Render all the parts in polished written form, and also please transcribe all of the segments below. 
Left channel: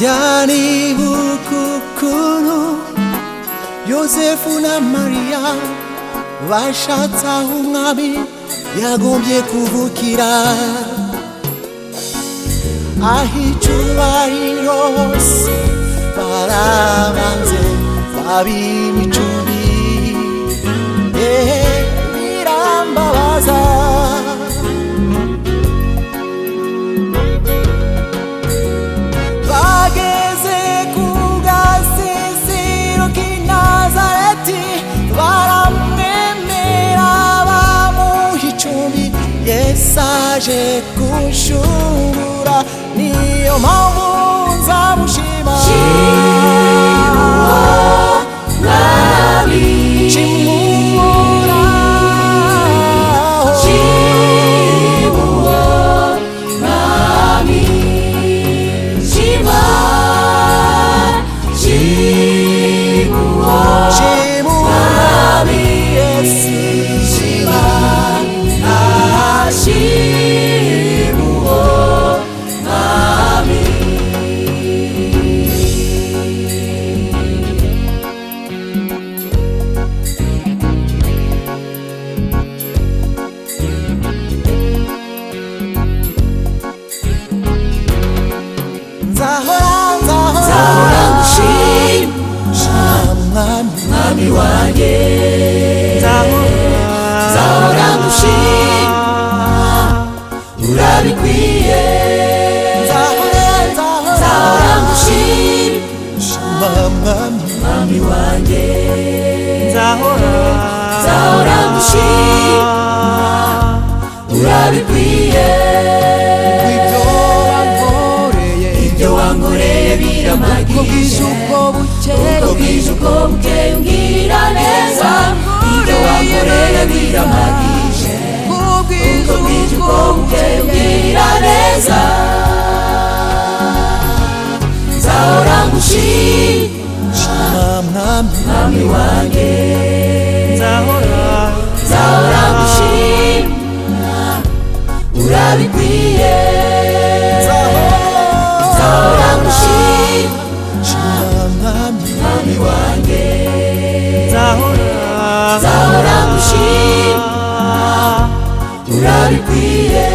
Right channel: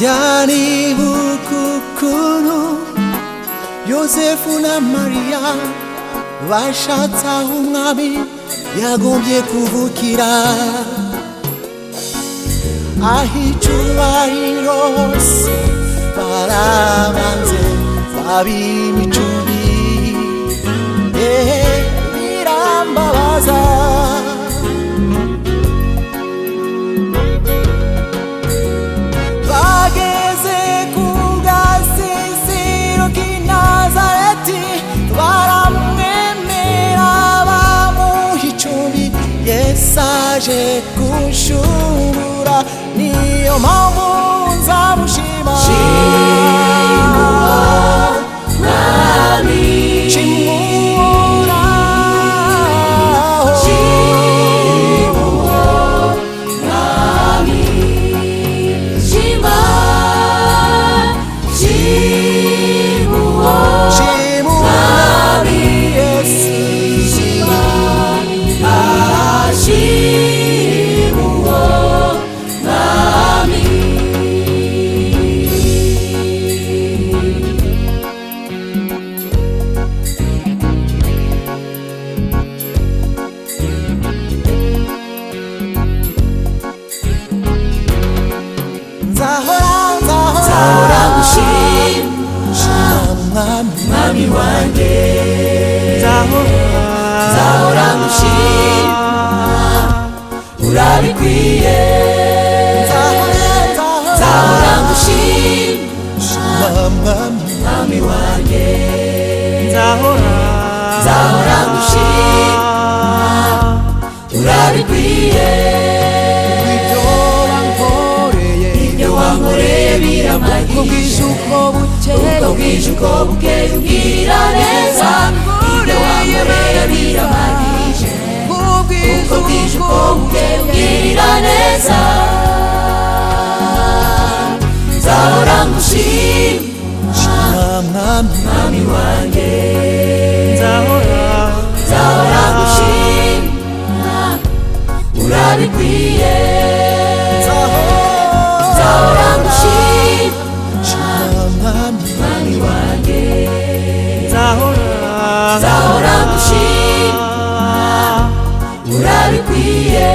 Nyanibukukuno Yosefu na Mariya bashatse aho umwami yagombye kuvukira, aho icyubahiro hose barabanze bab'imicumbi. Birambabaza bageze ku gasisiro k'i Nazareti, baramwemera bamuha icumbi. Yesu aje kunshungura, niyo mpamvu nzamushima. Mwami wanjye, nzahora ngushima, urabikwiye. Nzahora ngushima, mwami wanjye, nzahora ngushima, urabikwiye. Ibyo wankoreye biramahire, uko bwije uko bukeye, ungirira neza. Wankoreye biramahire, uko bwije uko bukeye, ungirira neza. Nzahora ngushima, mwami wanjye, nzahora ngushima, urabikwiye. Nzahora ngushima, mwami wanjye, nzahora ngushima, urabikwiye.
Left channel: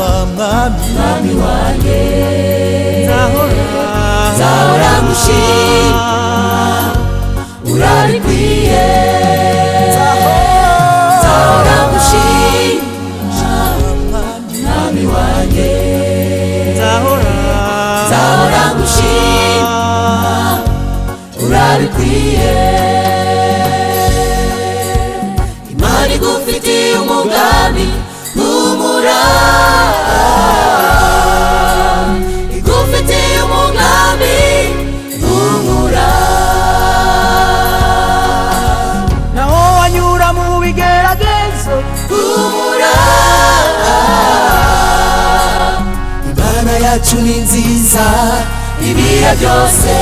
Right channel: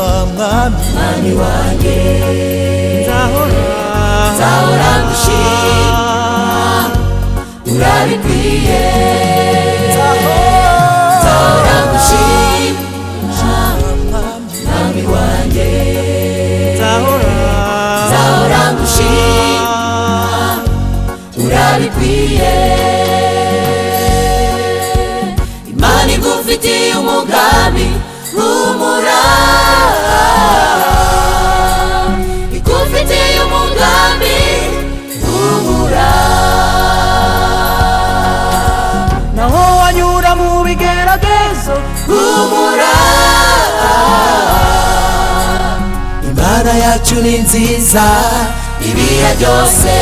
Mwami wanjye, nzahora ngushima, urabikwiye. Nzahora ngushima, mwami wanjye, nzahora ngushima, urabikwiye. Imana igufitiye umugambi, humura. Yacu ni nziza ibihe byose,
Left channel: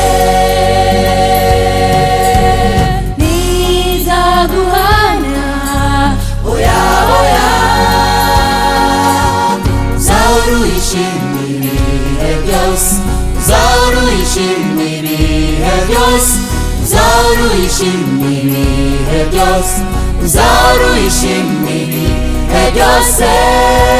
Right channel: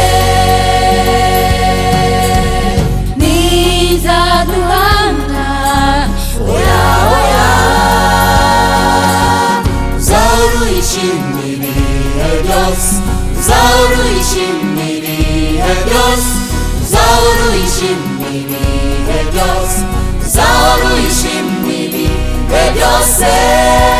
nizaguhamya oya oya. Uzahora uyishimira ibihe byose, uzahora uyishimira ibihe byose, uzahora uyishimira ibihe byose, uzahora uyishimira ibihe byose. byose